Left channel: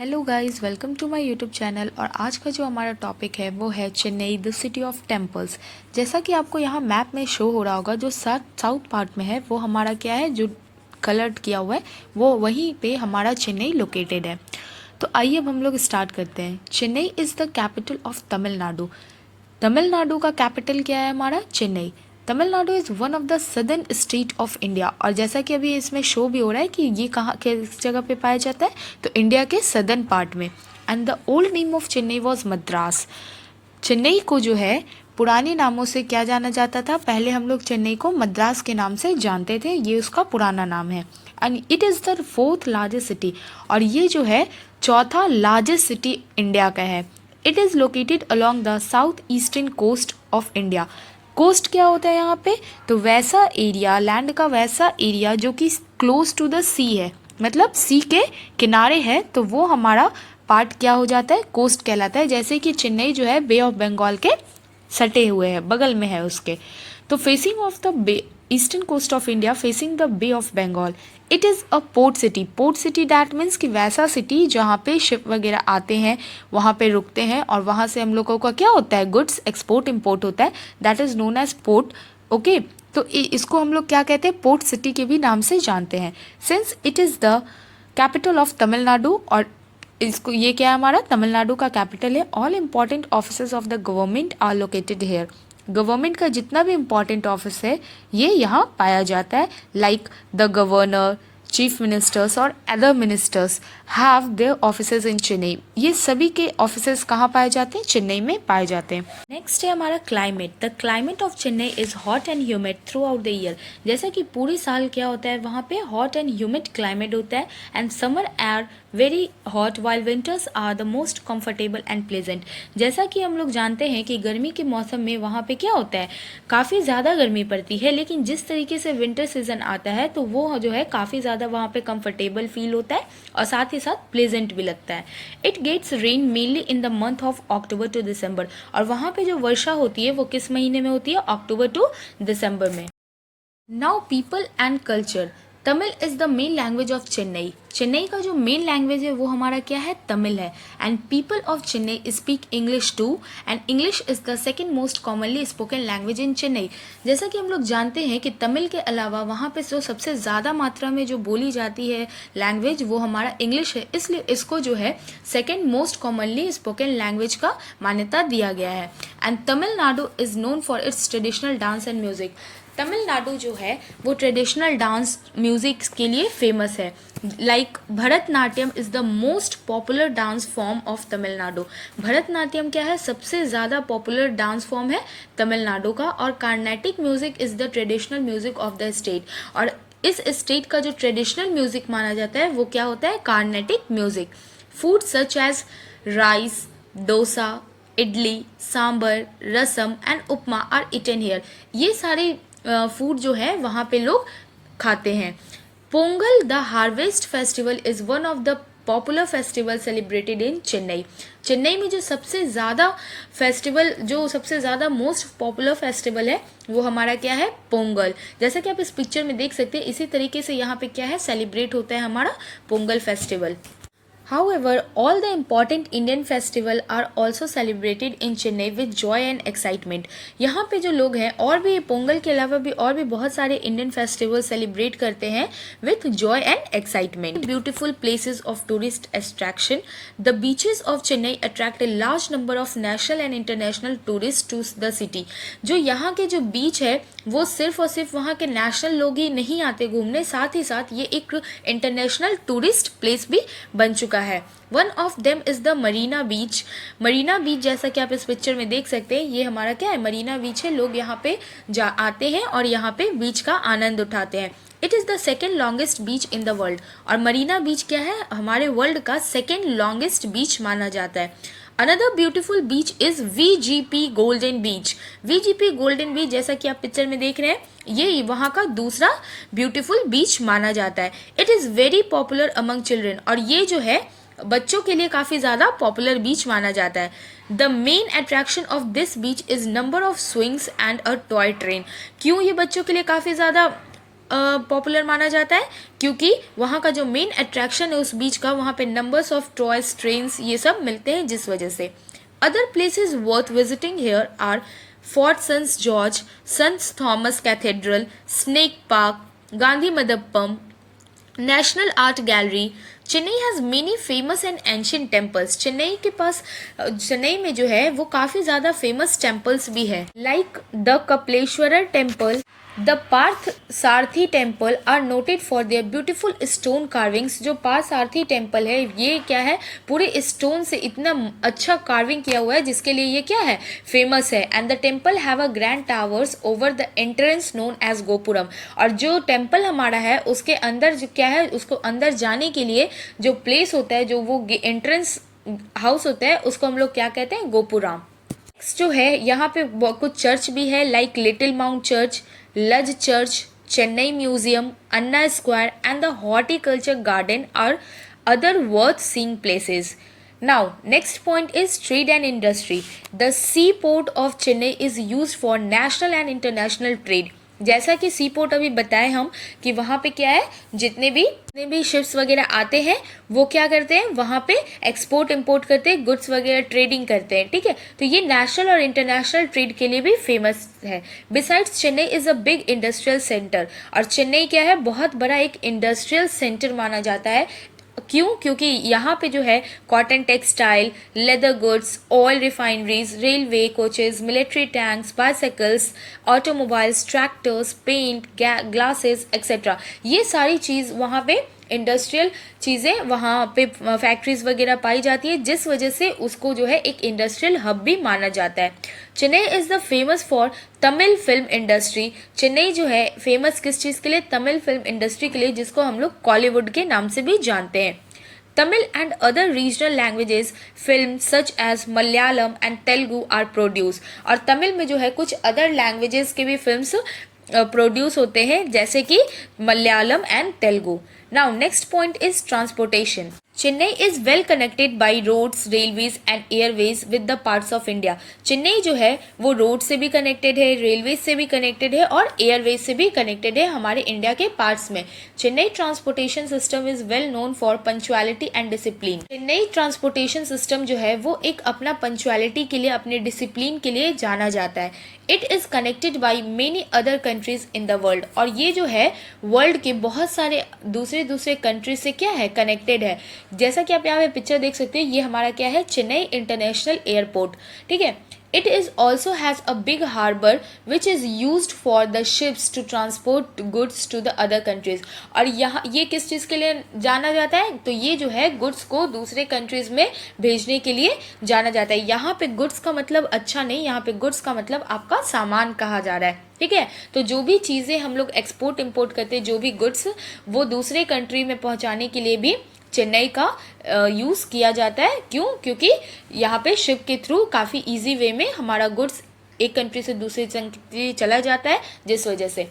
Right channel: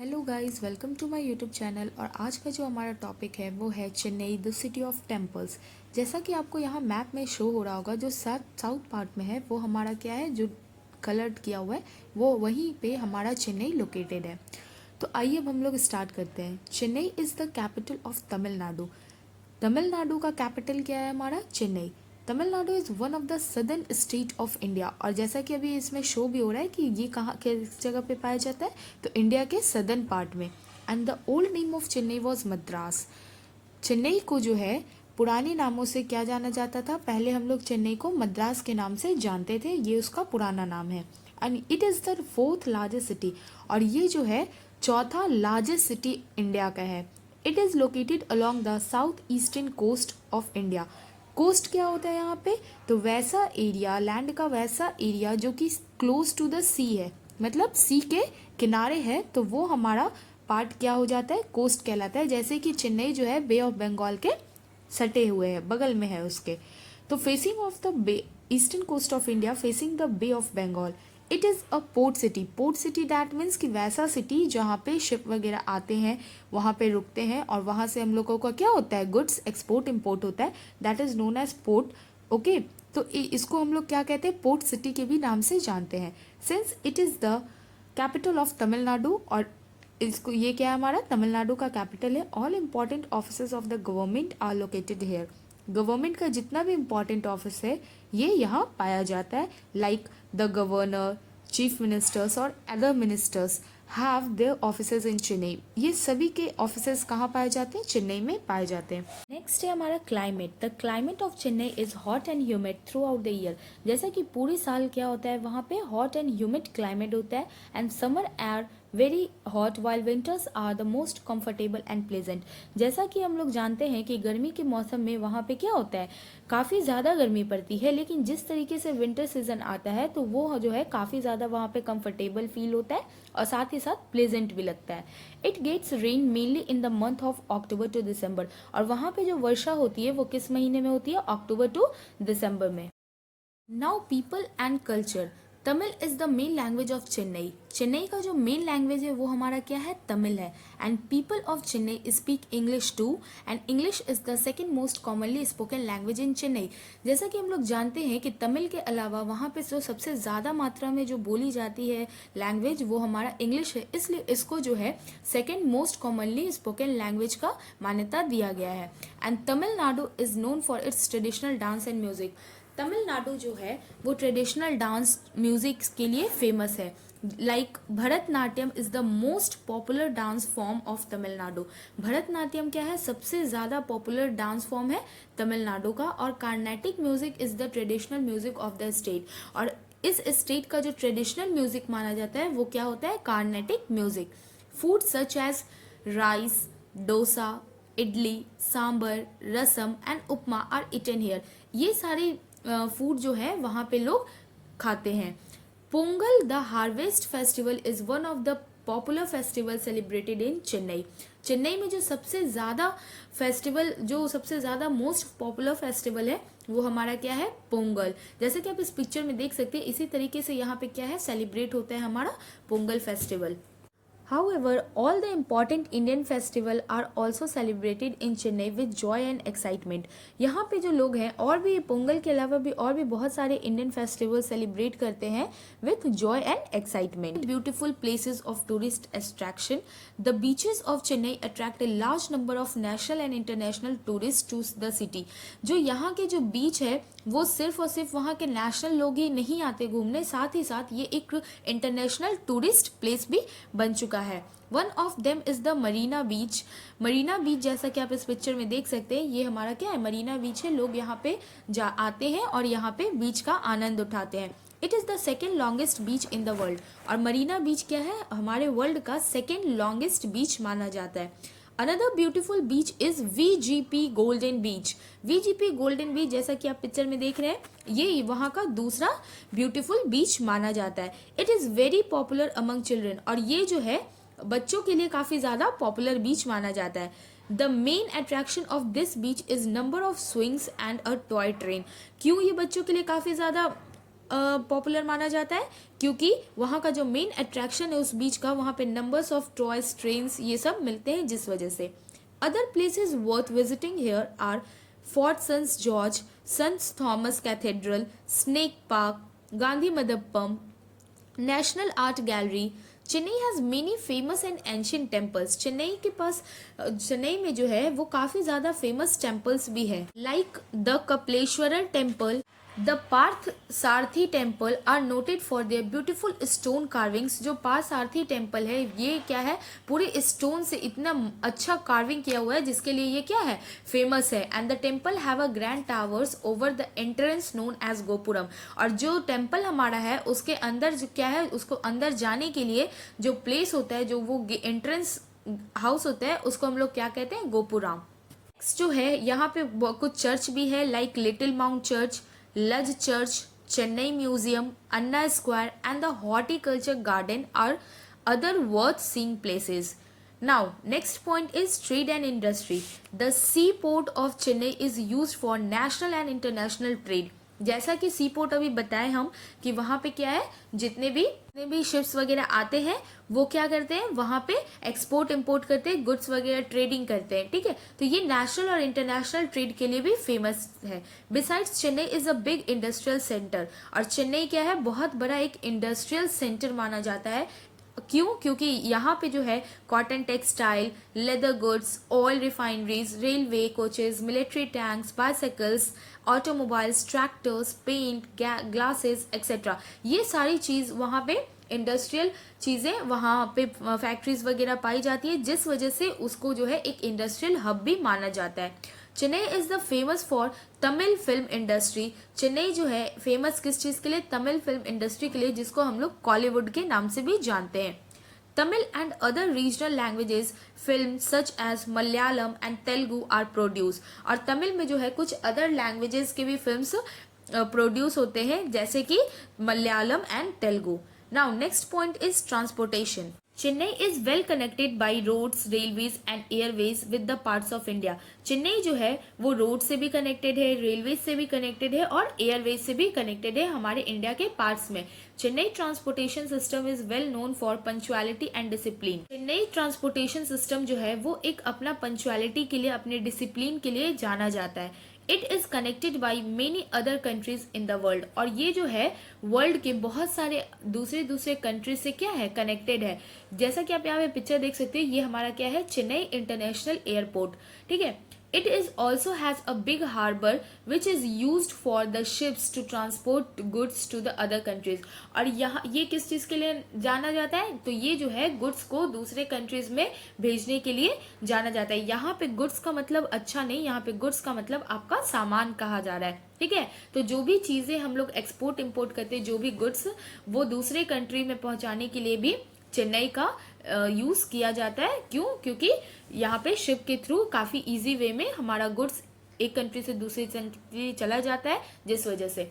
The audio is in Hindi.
Hello guys, welcome to my YouTube channel. और आज का जो हमारा टॉपिक है वो है Chennai, the city of temples. जैसा कि आपको यहाँ मैप में शो हो रहा होगा, जो साउथ पार्ट में है वो हमारा क्या है, जो कलर्ड किया हुआ है वो वहीं पे हमारा चेन्नई लोकेटेड है। तो आइए अब हम लोग स्टार्ट करते हैं। Chennai is the capital of Tamil Nadu. Tamil Nadu का कैपिटल क्या है हमारा, Chennai. Tamil Nadu is one of the southern state of India. और जैसा कि अभी इसमें शो भी हो रहा है कि ये कहाँ किस जगह पे पाया जाता है, तो इंडिया के सदर्न पार्ट में। And the old name of Chennai was Madras. Chennai को जो है पुराने नामों से क्या जाना जाता था, पहले हम लोग चेन्नई को मद्रास के नाम से जानते थे, ये उसका पुराना नाम है। And it is the fourth largest city, और ये जो है चौथा लार्जेस्ट सिटी इंडिया का है। It is located along the south eastern coast of India. Coast क्या होता है यहाँ पे, तो वैसा एरिया, लैंड का वैसा एरिया जो कि क्लोज टू द सी है, मतलब सी के किनारे है, तो वो हमारा पार्ट क्या हो जाता है, कोस्ट कहलाता है। जैसे कि चेन्नई जो है बे ऑफ बंगाल के सटे हुए है, बगल में है उसके। तो facing of the bay, eastern coast of India facing the bay of Bengal. It is a port city. Port city that means कि वैसा सिटी जहाँ पे शिप वगैरह आते हैं, वहाँ पे रुकते हैं, और वहाँ से हम लोगों का क्या होता है, गुड्स एक्सपोर्ट इम्पोर्ट होता है, that is known as port. Okay, तो इसको हम लोग क्या कहते हैं, पोर्ट सिटी के भी नाम से जानते हैं। Since it is the capital of Tamil Nadu, और इसको ये क्या है हमारा, तमिलनाडु का कैपिटल है। All important offices of the government are located here. Government का जितना भी इम्पॉर्टेंट ऑफिस है ये यहाँ पाया जाता है, like the governor, chief ministers और other ministers have their offices in Chennai. ये सभी के ऑफिसेज कहाँ पाए जाते हैं, चेन्नई में पाए जाते हैं। नेक्स्ट है हमारा climate. The climate of Chennai is hot and humid through out the year. जैसा कि पूरे साल क्या होता है, वहाँ पे हॉट एंड ह्यूमिड क्लाइमेट होता है, and summer are very hot while winters are the most comfortable and pleasant. जैसा कि हम लोग जानते हैं कि गर्मी के मौसम में वहाँ पे क्या होता है, काफ़ी ज़्यादा गर्मी पड़ती है, लेकिन जिस तरीके से विंटर सीजन आता है तो वो जो है काफ़ी ज़्यादा वहाँ पे कंफर्टेबल फील होता है, और साथ ही साथ प्लेजेंट भी लगता है। It gets rain mainly in the month of October to December. और वहाँ पे जो वर्षा होती है वो किस महीने में होती है, अक्टूबर टू दिसंबर में। Now people and culture. Tamil is the main language of Chennai. Chennai का जो मेन लैंग्वेज है वो हमारा क्या है, तमिल है। And people of Chennai speak English too, and English is the second most commonly spoken language in Chennai. जैसा कि हम लोग जानते हैं कि तमिल के अलावा वहाँ पे जो सबसे ज़्यादा मात्रा में जो बोली जाती है लैंग्वेज वो हमारा इंग्लिश है, इसलिए इसको जो है second most commonly spoken language का मान्यता दिया गया है। And Tamil Nadu is known for its traditional dance and music. Tamil Nadu जो है वो ट्रेडिशनल डांस म्यूजिक के लिए फेमस है। Like Bharatanatyam is the most popular dance form of Tamil Nadu. Bharatanatyam क्या है, सबसे ज़्यादा पॉपुलर डांस फॉर्म है तमिलनाडु का। और Carnatic music is the traditional music of the state. और इस स्टेट का जो ट्रेडिशनल म्यूजिक माना जाता है वो क्या होता है, Carnatic music. Food such as rice, dosa, idli, sambar, rasam and upma are eaten here. ये सारे फूड जो है वहाँ पे लोग खाते हैं। Pongal the harvest festival is one of the popular festival celebrated in Chennai. Chennai में जो सबसे ज़्यादा फेस्टिवल, जो सबसे ज़्यादा मोस्ट पॉपुलर फेस्टिवल है वो हमारा क्या है, पोंगल। जैसा कि आप इस पिक्चर में देख सकते हैं, इसी तरीके से यहाँ पे क्या है, सेलिब्रेट होता है हमारा Pongal festival. However, all the important Indian festival are also celebrated in Chennai with joy and excitement. यहाँ पे जो लोग हैं और भी पोंगल के अलावा भी और भी बहुत सारे इंडियन फेस्टिवल सेलिब्रेट करते हैं with joy and excitement. Beautiful places of tourist attraction. The beaches of Chennai attract a large number of national and international tourists to the city. जो यहाँ के जो बीच है वो सिर्फ और सिर्फ वहाँ के नेशनल लोग ही नहीं आते घूमने, साथ ही साथ ये एक इंटरनेशनल टूरिस्ट प्लेस भी बन चुका है। One of them is the Marina Beach. Marina Beach जैसा कि आप इस पिक्चर में देख सकते हैं, ये हमारा क्या है, मरीना बीच है। लोग यहाँ पे आते हैं और यहाँ पे बीच का आनंद उठाते हैं। It is the second longest beach in the world. और मरीना बीच क्या है, हमारे वर्ल्ड का सेकेंड लॉन्गेस्ट बीच माना जाता है। Another beautiful beach is VGP golden beach. VGP golden beach जैसा कि आप पिक्चर में देख रहे हैं, ये वहाँ का दूसरा ब्यूटीफुल बीच माना जाता है। It is very popular among children. और ये जो है बच्चों के लिए काफ़ी ज़्यादा पॉपुलर बीच माना जाता है। The main attraction of this beach is number of swings and a toy train. क्यों ये बच्चों के लिए काफ़ी ज़्यादा पॉपुलर माना जाता है? क्योंकि वहाँ का जो मेन अट्रैक्शन है उस बीच का, वहाँ पे नंबर्स ऑफ टॉयज, ट्रेन्स, ये सब मिलते हैं जिस वजह से। Other places worth visiting here are fort saint George, saint Thomas cathedral, snake park, Gandhi Mandapam, national art gallery. Chennai has many famous and ancient temples. Chennai के पास चेन्नई में जो है वो काफ़ी ज़्यादा फेमस टेम्पल्स भी है, like the Kapaleeshwarar temple, the Parthasarathy temple are noted for their beautiful stone carvings. जो पार्थ सारथी टेम्पल है ये क्या है, पूरे स्टोन से इतना अच्छा कार्विंग किया हुआ है जिसके लिए ये क्या है, फेमस है। And the temple have a grand towers over the entrance known as gopuram. और जो टेम्पल हमारा है उसके अंदर जो क्या है, उसको अंदर जाने के लिए जो प्लेस होता है, जो वो एंट्रेंस हाउस होता है, उसको हम लोग क्या कहते हैं, गोपुराम। जो है यहाँ पे कुछ चर्च भी है, like little mount church, Luz church, Chennai museum, Anna square and the horticulture garden are other worth seeing places. Now, next point is trade and industry. The seaport of Chennai is used for national and international trade. जैसा कि सी पोर्ट अभी बताए हम कि वहाँ पे क्या है, जितने भी शिप्स वगैरह आते हैं वो क्या करते हैं, वहाँ पे एक्सपोर्ट इंपोर्ट करते हैं, गुड्स वगैरह ट्रेडिंग करते हैं, ठीक है। तो ये नेशनल और इंटरनेशनल ट्रेड के लिए भी फेमस है। Besides Chennai is a big industrial centre. और चेन्नई क्या है, बहुत बड़ा एक इंडस्ट्रियल सेंटर माना जाता है। क्यों? क्योंकि यहाँ पे जो है cotton textile, leather goods, oil refineries, railway coaches, military tanks, bicycles, automobiles, tractors, paint, glasses etcetera, ये सारी चीज़ वहाँ पे इंडस्ट्रियल चीज़ें वहाँ पे फैक्ट्रीज वगैरह पाई जाती है, जिस वजह से उसको जो है एक इंडस्ट्रियल हब भी माना जाता है। Chennai is the famous for Tamil film industry. Chennai जो है फेमस किस चीज़ के लिए, तमिल फिल्म इंडस्ट्री के लिए, जिसको हम लोग कॉलीवुड के नाम से भी जानते हैं। Tamil and other regional languages films such as Malayalam and Telugu are produced। और तमिल में जो है कुछ अदर लैंग्वेजेस के भी फिल्म्स प्रोड्यूस होते हैं, जैसे कि Malayalam and Telugu. Now next point is transportation. Chennai is well connected by roads, railways and airways with the parts of India. Chennai जो है वो रोड से भी कनेक्टेड है, रेलवेज से भी कनेक्टेड है और एयरवेज से भी कनेक्टेड है हमारे इंडिया के पार्ट्स में। Chennai transportation system is well known for punctuality and discipline. Chennai transportation system जो है वो एक अपना पंचुअलिटी के लिए, अपने डिसिप्लिन के लिए जाना जाता है। It is connected by many other countries in the world. और ये जो है वर्ल्ड के बहुत सारे दूसरे कंट्रीज से क्या है, कनेक्टेड है। जैसा कि आप यहाँ पे पिक्चर देख सकते हैं, ये हमारा क्या है, चेन्नई इंटरनेशनल एयरपोर्ट, ठीक है। It is also has a big harbor which is used for the ships to transport goods to the other countries। और यहाँ ये किस चीज़ के लिए जाना जाता है, तो ये जो है गुड्स को दूसरे कंट्रीज़ में भेजने के लिए जाना जाता है। यहाँ पे गुड्स का मतलब अच्छा नहीं, यहाँ पे गुड्स का मतलब आपका सामान कहा जा रहा है, ठीक है। तो जो भी चीज़ें हम लोग एक्सपोर्ट इम्पोर्ट करते हैं, जो भी गुड्स, वो दूसरे कंट्री में पहुँचाने के लिए भी चेन्नई का यूज़ किया जाता है। क्यों? क्योंकि यहाँ पे शिप के थ्रू काफ़ी इजी वे में हमारा गुड्स एक कंट्री से दूसरी कंट्री चला जाता है, जिस वजह से